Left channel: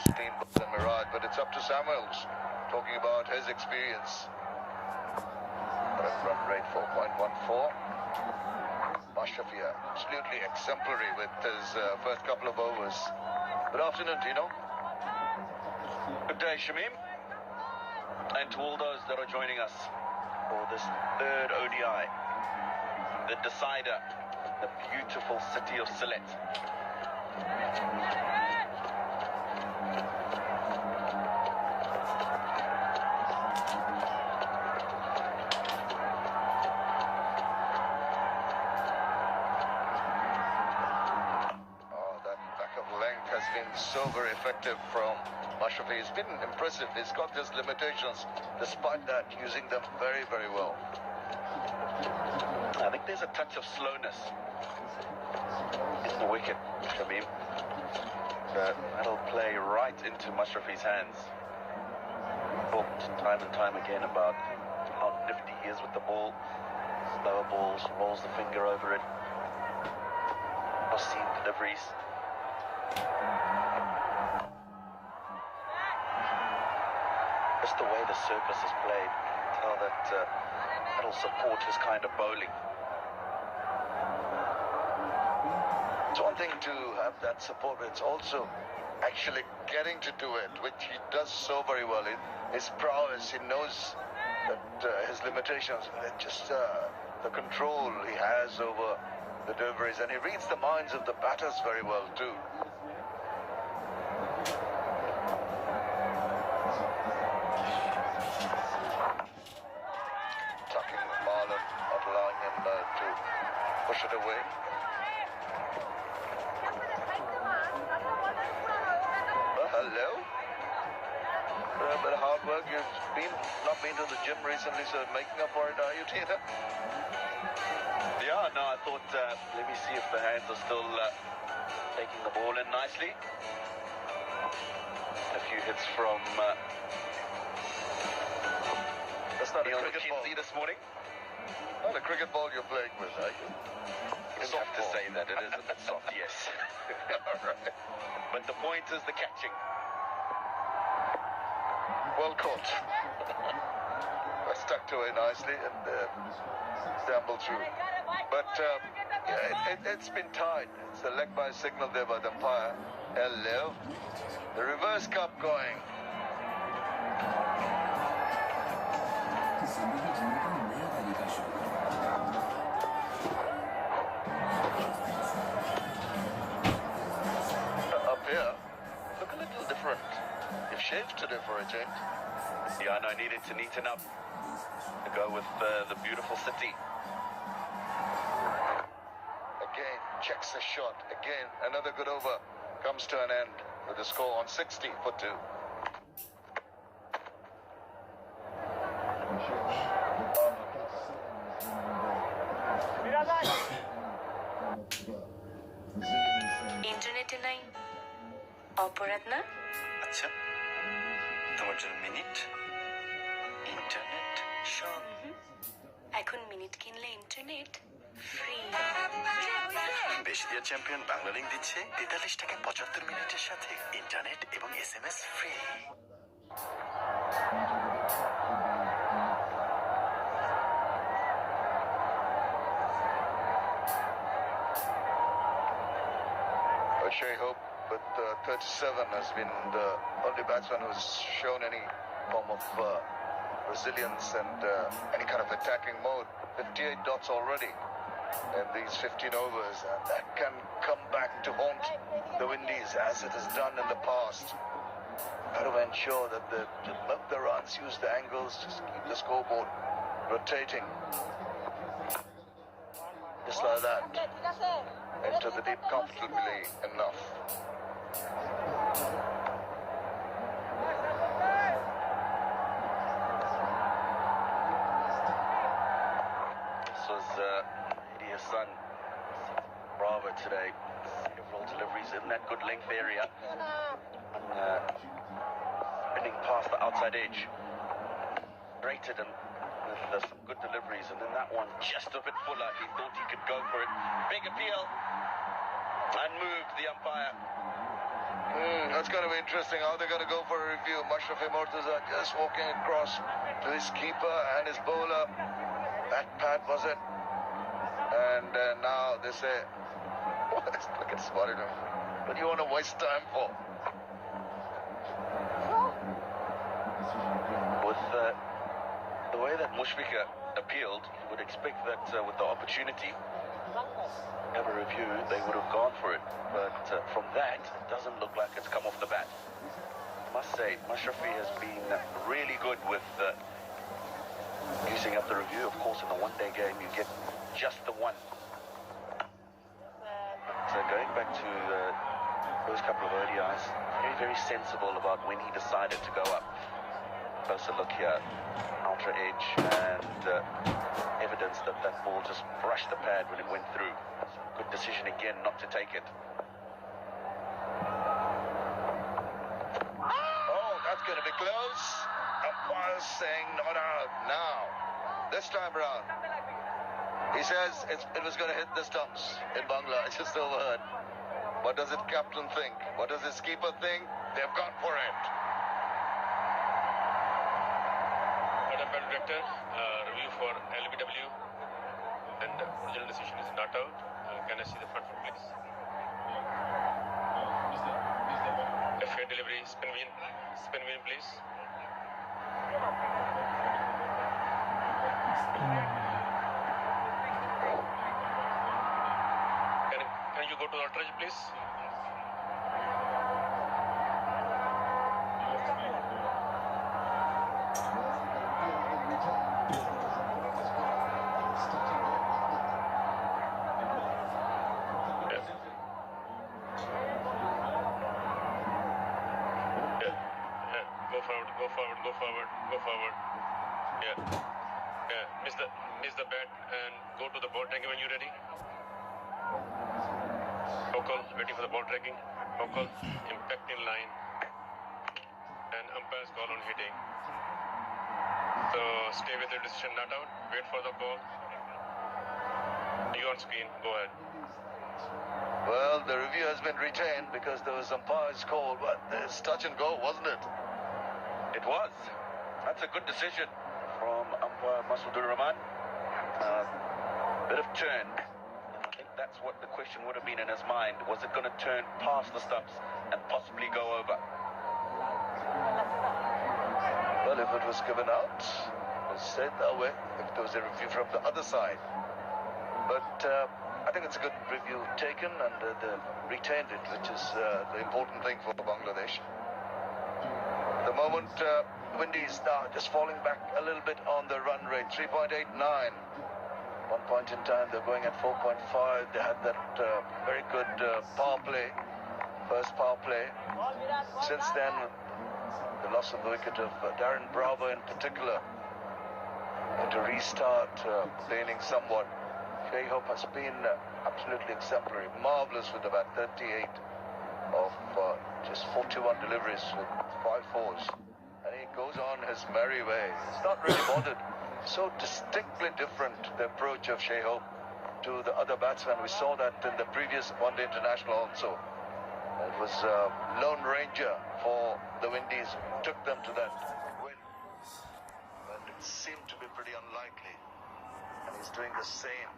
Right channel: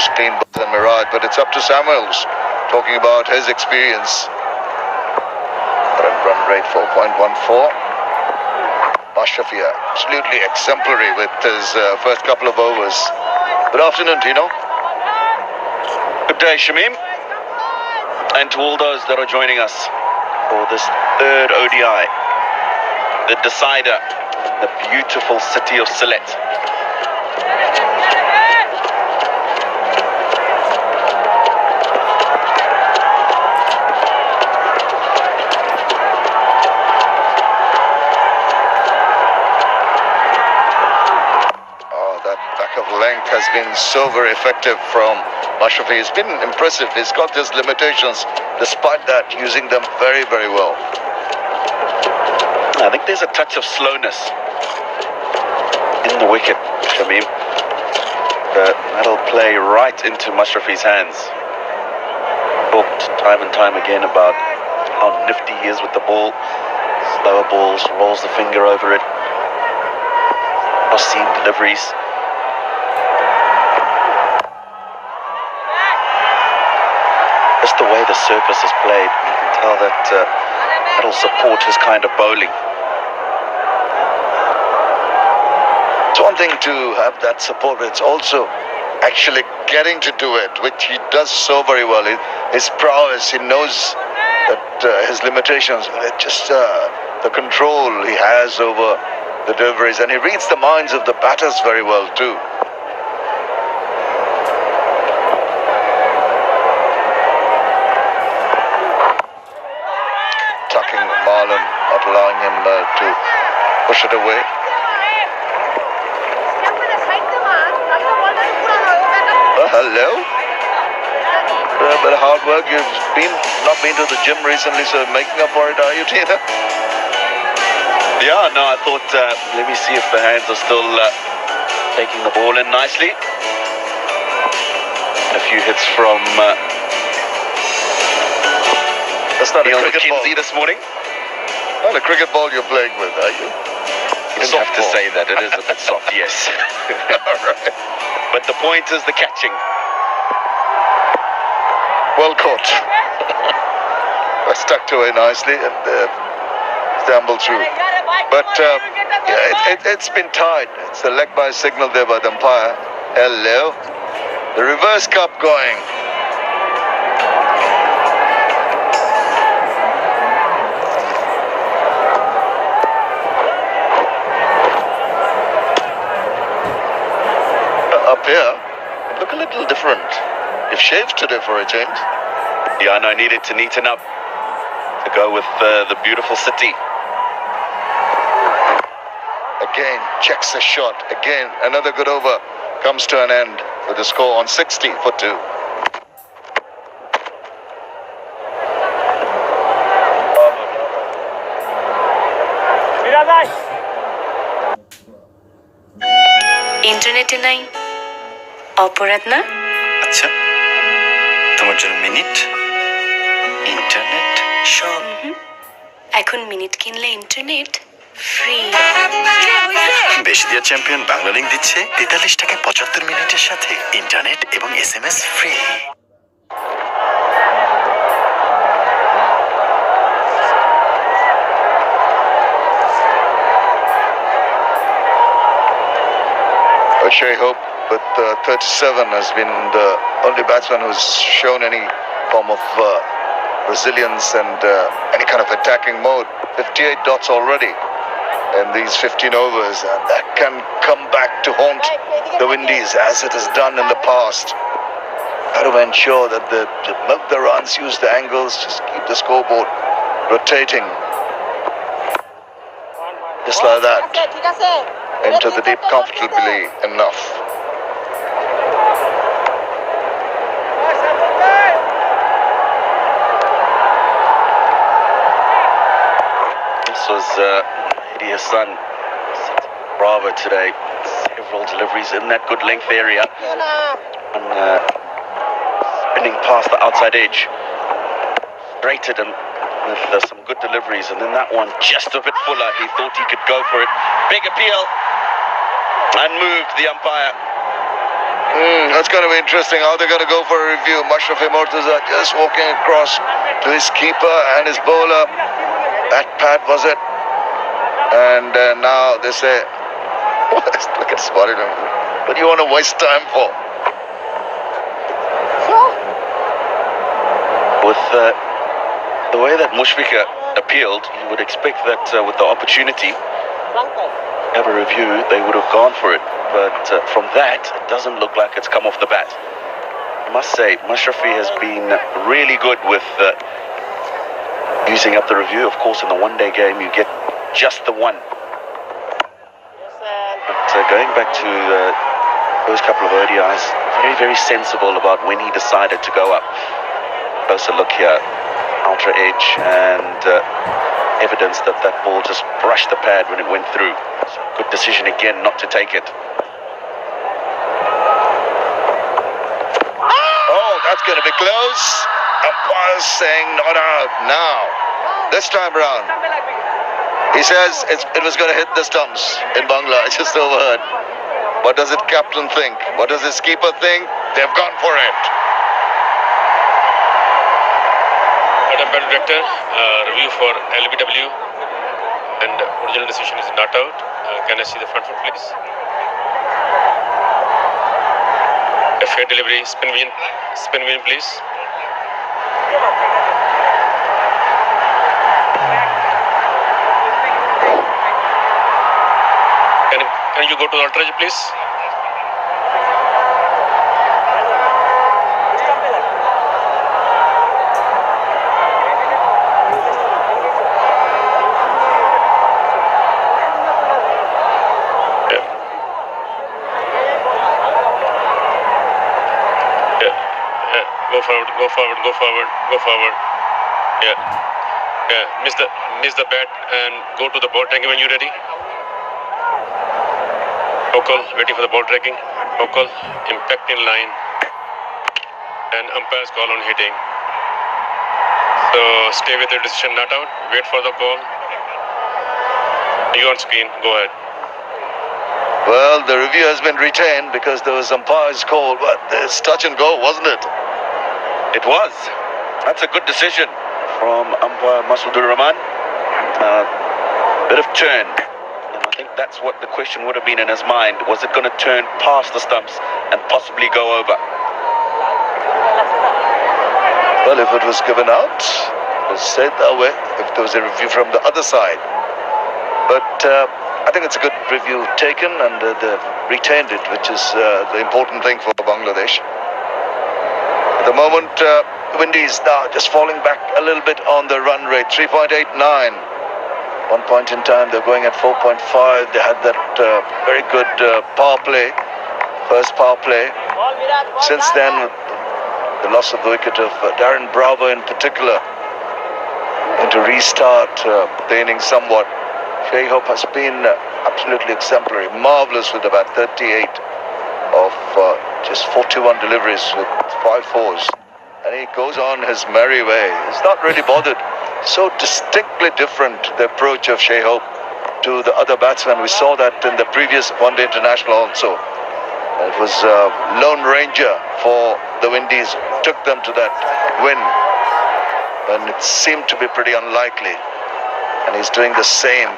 almost clean ball than Miraj, but it's up to Samuels, talking about his experience. Current run rate 4.14. Mashrafi absolutely exemplary with his first couple of overs. Good afternoon, Tino. Good day, Shamim. And to all those that are joining us for this third ODI, the decider, the beautiful city of Sylhet. Has been so very effective from Mashrafi. He's been impressive. He's got his limitations. Despite that, using them very, very well. I think there's a touch of slowness in the wicket, Shamim. That'll play right into Mashrafi's hands. Talked time and time again about how nifty he is with the ball. Slower balls, rolls the finger over it. Cross-seam deliveries. Just the way the surface is played, you can tell that it'll support his kind of bowling. It's one thing to have that support, but it's also actually getting to do it, which he does so very well. His prowess, he knows that his limitations, just the control he has over the deliveries, and he reads the minds of the batters very well too. Not allowing him to push it away. Hello. A bit of hard work. You've not been to the gym recently, so making up for it, are you, Tina? Yeah, no, I thought, let me see if the hands are still taking the ball in nicely. A few hits from that's not Neil a cricket McKenzie ball this morning. Not a cricket ball you're playing with, are you? You don't have to say that. It is a bit soft, yes. All right. But the point is the catching. Well caught. Stuck away nicely and stumbled through. But yeah, it's been tied. It's a leg by signal there by the umpire. Hello. The reverse cup going. Up here, look a little different. You've shaved today for a change. Yeah, no, I needed to neaten up to go with the beautiful city. Again, checks the shot. Again, another good over comes to an end with the score on 60 for 2. ইন্টারনেটে নাই অপরাধ না? আচ্ছা, তোমার জন্য minute, internet সব। এখন minute কিনলে ইন্টারনেট ফ্রি। বেশি দিয়া চ্যাম্পিয়ন বাংলা লিংক দিচ্ছে 43 টাকায় 75 মিনিটের সাথে ইন্টারনেট এবং SMS free. Shay Hope with 37 has been the only batsman who's shown any form of resilience and any kind of attacking mode. 58 dots already in these 15 overs, and that can come back to haunt the Windies as it has done in the past. How to ensure that they milk the runs, use the angles, just keep the scoreboard rotating. Just like that. Into the deep comfortably enough. This was Mehdi Hassan, Bravo today. Several deliveries in that good length area. And spinning past the outside edge. Rated him with some good deliveries, and then that one just a bit fuller. He thought he could go for it. Big appeal, and moved the umpire. That's going to be interesting how they're going to go for a review. Mashraf Murtaza just walking across to his keeper and his bowler. That pad was it. And now they say, look at Spotted. What do you want to waste time for? With the way that Mushfiqur appealed, you would expect that with the opportunity have a review, they would have gone for it. But from that, it doesn't look like it's come off the bat. I must say, Mashrafi has been really good with using up the review. Of course, in the one-day game, you get just the one. But going back to those couple of ODIs, very, very sensible about when he decided to go up. Closer look here, ultra edge, and evidence that that ball just brushed the pad when it went through. So good decision again not to take it. Oh, that's going to be close. Umpires saying not out now. This time round. He says it was going to hit the stumps in Bangla. I just overheard. What does it captain think? What does his keeper think? They've gone for it. Umpire Director, review for LBW, and original decision is not out. Can I see the front foot, please? A fair delivery, spin win, please. Can you go to the ultra, please? Go forward. Yeah. Miss the bat and go to the ball tracking when you're ready. Okal, waiting for the ball tracking. Okal, impact in line. And umpire's call on hitting. So stay with your decision, not out. Wait for the call. You on screen, go ahead. Well, the review has been retained because there was umpire's call, but it's touch and go, wasn't it? It was. That's a good decision from umpire Masood Rahman. Bit of turn. And I think that's what the question would have been in his mind. Was it going to turn past the stumps and possibly go over? Well, if it was given out, it was said that way, if there was a review from the other side. But I think it's a good review taken, and they've retained it, which is the important thing for Bangladesh. At the moment, Windies now just falling back a little bit on the run rate, 3.89. One point in time, they're going at 4.5. They had that very good power play, first power play. Since then, the loss of the wicket of Darren Bravo in particular, and to restart the innings somewhat. Shai Hope has been absolutely exemplary, marvellous with about 38 of just 41 deliveries with 5 fours. And he goes on his merry way. He's not really bothered. So distinctly different, the approach of Shai Hope to the other batsmen. We saw that in the previous one-day international also. It was Lone Ranger for the Windies, took them to that win. And it seemed to be pretty unlikely. And he's doing the same.